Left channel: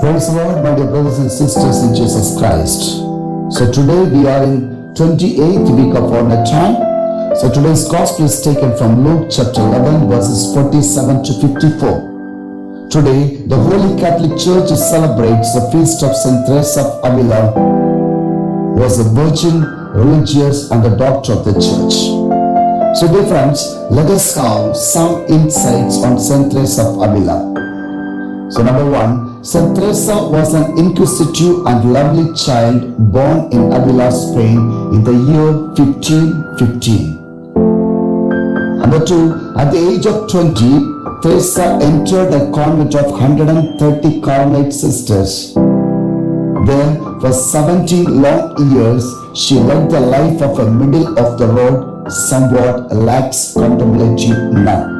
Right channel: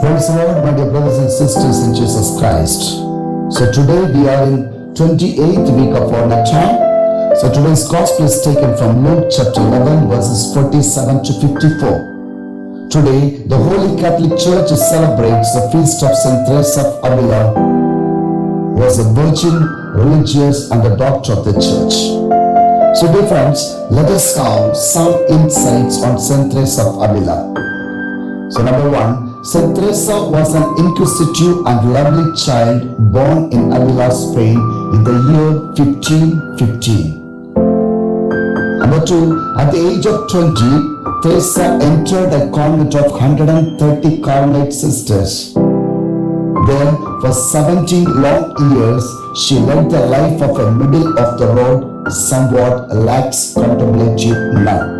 Praise the Lord, my dear brothers and sisters in Jesus Christ. So today we are in 28th week of ordinary time. So today's gospel is taken from Luke chapter 11 verses 47 to 54. Today the Holy Catholic Church celebrates the feast of St. Theresa of Avila, who was a virgin, religious and a doctor of the church. So dear friends, let us have some insights on St. Theresa of Avila. So number one, St. Theresa was an inquisitive and lovely child born in Avila, Spain in the year 1515. Number two, at the age of 20, Theresa entered a convent of 130 Carmelite sisters. There, for 17 long years, she led the life of a middle-of-the-road, somewhat lax contemplative nun.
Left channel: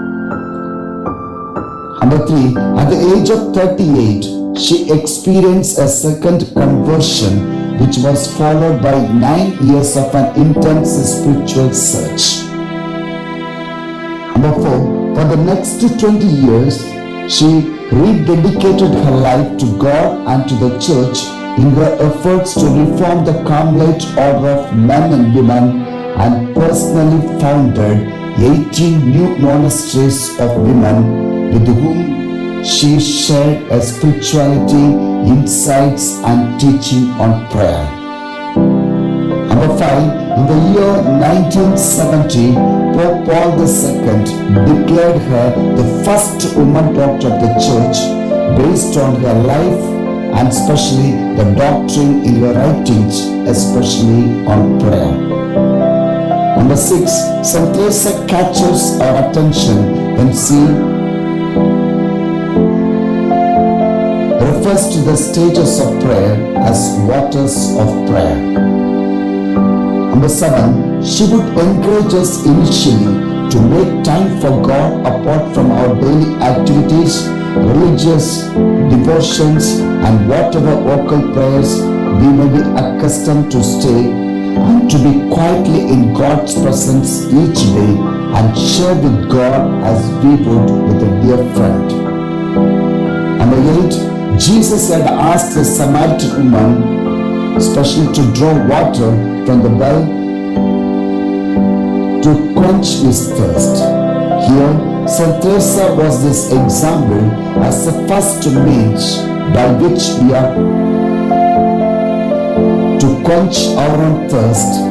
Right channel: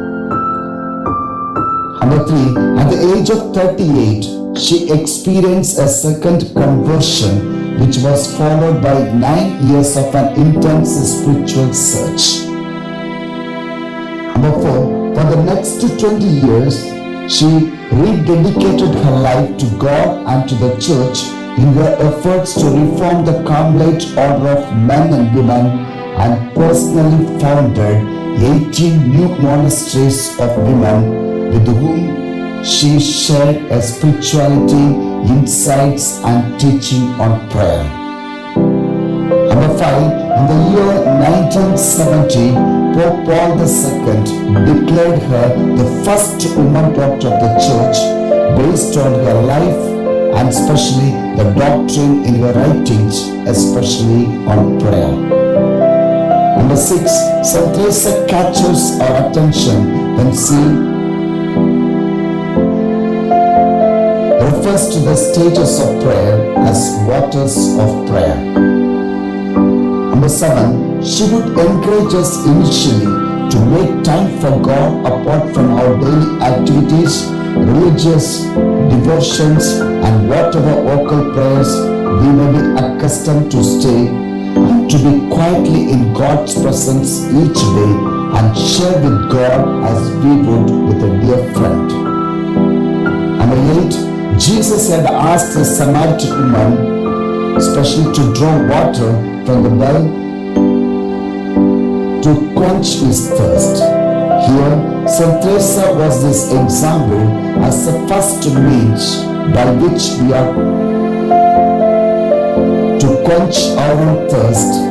Number three, at the age of 38, she experienced a second conversion, which was followed by 9 years of an intense spiritual search. Number four, for the next 20 years, she rededicated her life to God and to the church in her efforts to reform the Carmelite order of men and women, and personally founded 18 new monasteries of women with whom she shared a spirituality, insights and teaching on prayer. Number five, in the year 1970, Pope Paul II declared her the first woman doctor of the church based on her life and especially the doctrine in her writings, especially on prayer. Number six, St. Theresa catches our attention when she refers to the stages of prayer as waters of prayer. Number seven, she would encourage us initially to make time for God apart from our daily activities, religious devotions and whatever vocal prayers we may be accustomed to stay, and to be quietly in God's presence each day and share with God as we would with a dear friend. Number eight, Jesus had asked the Samaritan woman, especially to draw water from the well to quench his thirst. Here, St. Theresa was this example as the first means by which we are to quench our own thirst,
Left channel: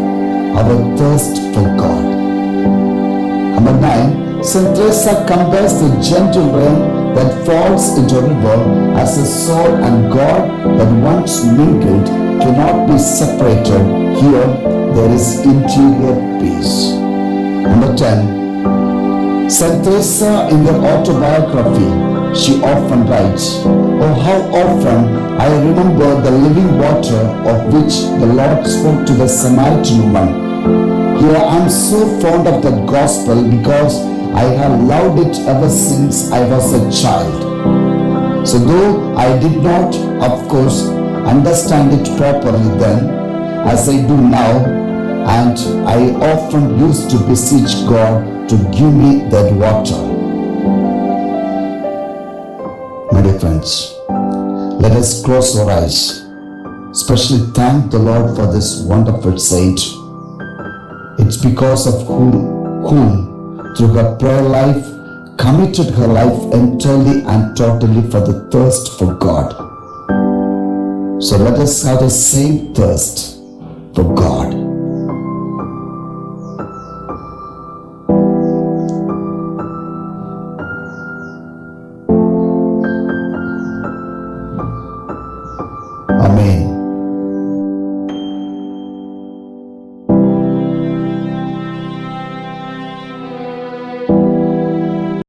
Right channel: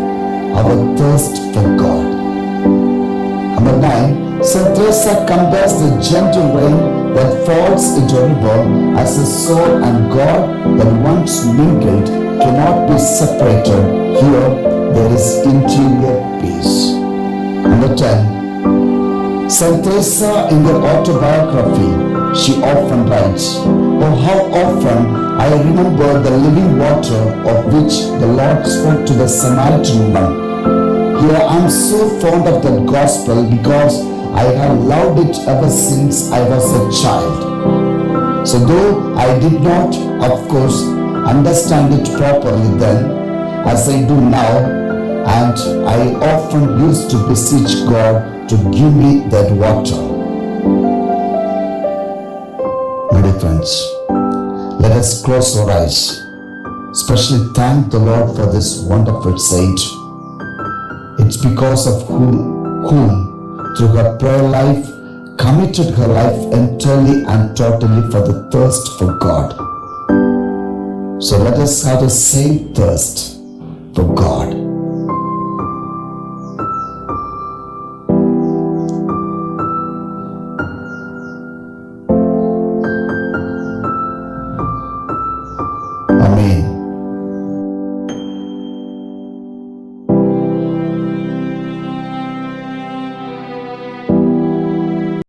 our thirst for God. Number nine, St. Theresa compares the gentle rain that falls into a river as a soul and God that once mingled cannot be separated. Here there is interior peace. Number 10, St. Theresa in her autobiography, she often writes, "Oh, how often I remember the living water of which the Lord spoke to the Samaritan woman. Here I am so fond of that gospel because I have loved it ever since I was a child. So though I did not, of course, understand it properly then, as I do now, and I often used to beseech God to give me that water." My dear friends, let us close our eyes, especially thank the Lord for this wonderful saint. It's because of whom through her prayer life, committed her life entirely and totally for the thirst for God. So let us have the same thirst for God.